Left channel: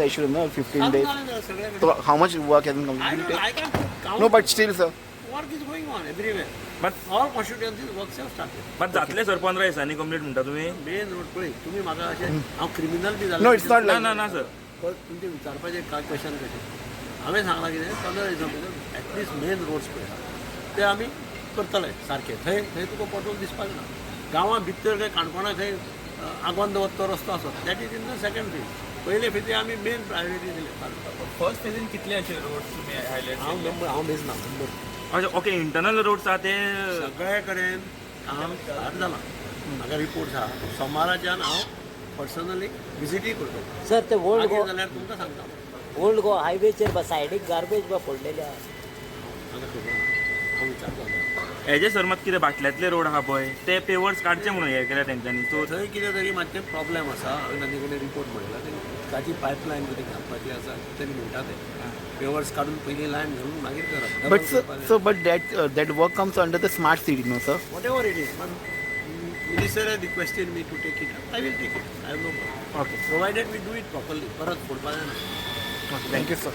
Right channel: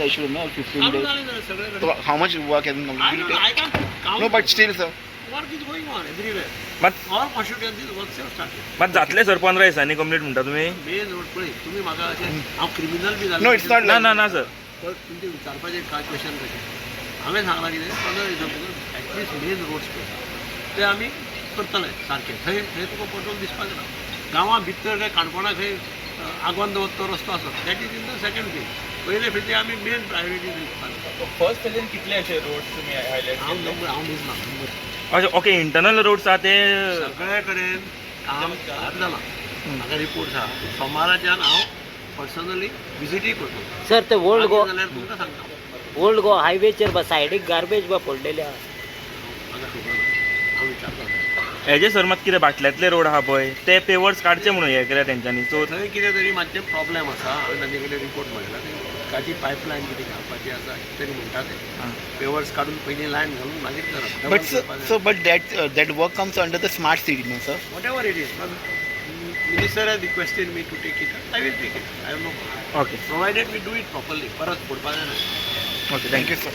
the issue, no, 15 चालू days. झालं सगळ्याकडे. So how much work has been I completed? don't know, I can't count. No, but still, sir. Work is going on everywhere. But All constituencies works have started. पण जातले sir 15 दिसांनी complete म्हणटा तुम्ही? Main road पळय तुम्ही म्हाका अशें हांव क्रिमिनल बी जालो No, it's not ना like ना ना सर. पण तुमचे विचारपाचे कांय क्वेश्चन कशें हांवें सांगलां कितें 15 दिसां एटलीस्ट मेन रोड्स पळय ते आमी करतले सारके थंय थंय तुका पोटोल दिसपाक ना गांवां भितर खंय काणकोणा खंय आगोंद वचतो रस्तो आसा that is in the second phase पयले फेज आमी मेन प्रायोरिटी दिवपाक फर्स्ट फेजीन कितले अशे रोड्स तुम्ही हायलाइट हांव मेजना नंबर अच्छा ओके इंटरनल रोड्स आहा ते सगळे कडेन काम स्टार्ट जालां म्हाका रिपोर्ट आहा सोमाराच्यान हांव पर्सनली विजिटूय करता सर ते ओल्ड गो जाल्यार तुमकां सांगता ओल्ड गो हायवेचेर सायडीक गार्बेज बा पडलेले आहा म्हाका खबर ना हांव विचारता हेजे सर मात कितें बाटल्यातले रोड आहा पळय ते पेवर्स काडचे म्हणून हे केल्या तेंच्यांनी सो थंय कितें तरी मातशें प्रॉब्लेम आसा हांवें तांचे कडेन रिपोर्ट मारला उदकाची पायपलायन कितें घालपाची आसा तरी म्हणटा ते पेवर्स काडून पयलीं लायन घालून मागीर करप But so but that work comes under the smart city, no, sir? Whatever it is minister has requested me to take it I will take it I have no okay provided we do it properly परत फोडपाक जायना Okay, thank you, sir.